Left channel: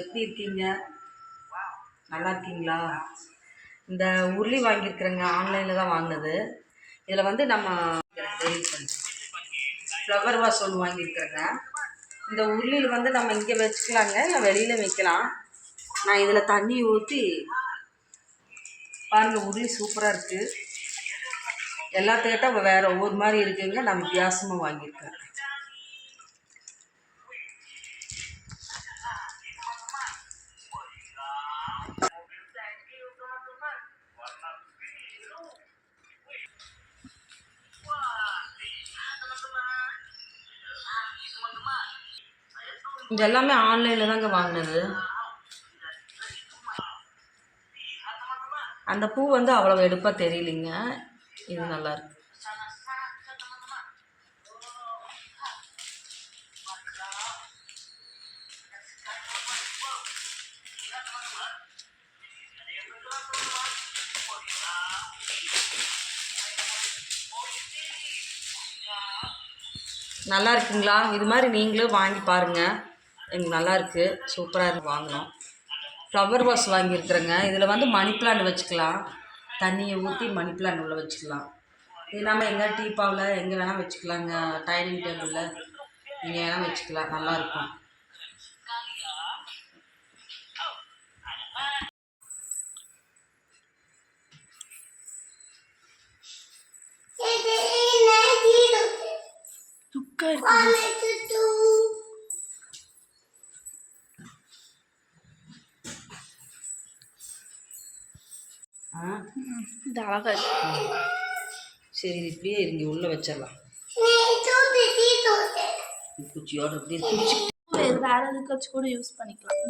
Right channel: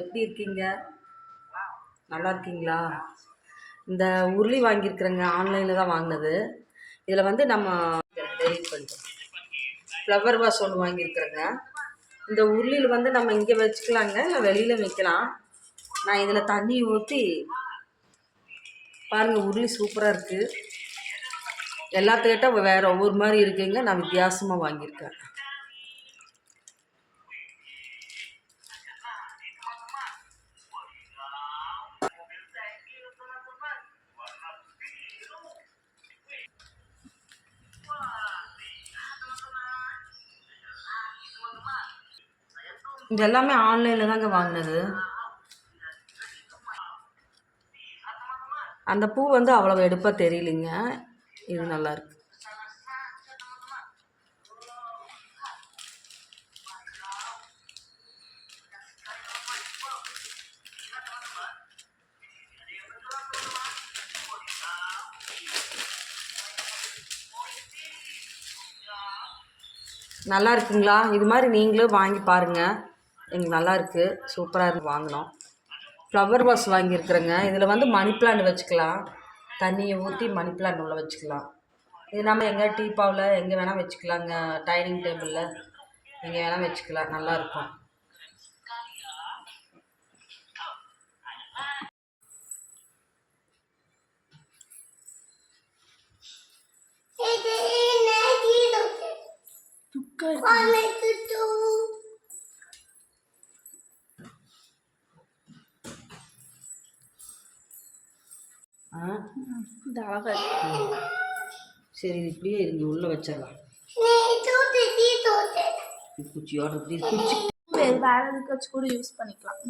எப்படி இருக்கீங்க? நல்லா இருக்கீங்களா? இந்த உருளி வாங்கியிருக்கிறேங்க, ஆன்லைனில் தான் வாங்கினது. இதில் வந்து நம்ம டெலிட் பண்ணிட்டோம். ஃப்ளவர் வாஷ் ஒன்று வாங்கியிருக்கிறேங்க. இந்த உருளியில் வந்து நம்ம இங்கே வச்சுக்கலாங்க, இல்லை வெளியில் வைக்கலாம். நான் இதில் தண்ணி ஊற்றி பாருங்கள், உருளி சூப்பராக இருக்குது. எல்லாத்துக்கிட்ட வேறு ஒவ்வொரு மாதிரி இருக்குங்க. நான் வித்தியாசமாக வாங்கியிருக்கேன். இது எல்லாமே ஆன்லைனில் தாங்க வாங்கினது. அந்த பூ வந்து அவ்வளோ எடுப்பாக தெரியலைங்க. இது நல்லாயிருக்கு. நல்லா இருக்குங்களா? இது மாதிரி நீங்களும் வாங்கி பாருங்கள். எனக்கு நல்லாயிருக்கு, சூப்பராக இருக்கு. வாங்கினோம். ஃப்ளவர் வாஷ் வாங்கியிருக்கிறேங்க. இதில் வந்து மணி பிளான்ட் வச்சுக்கலாம். தண்ணியை ஊற்றி மணி பிளான்ட் உள்ள வச்சுக்கலாம். இது நம்ம எங்கே டீப்பாவில் எங்கே வேணால் வச்சுக்கலாங்க. டைனிங் டேபிளில் எங்கே வேணால் வச்சுக்கலாம். நல்லாயிருக்கும். சரி, இது இப்படியே இருங்க, உள்ளே வச்சிடலாம். குச்சியோட இப்படி குச்சி வேறு எதுக்காச்சும் கூட யூஸ் பண்ணிக்கலாம்.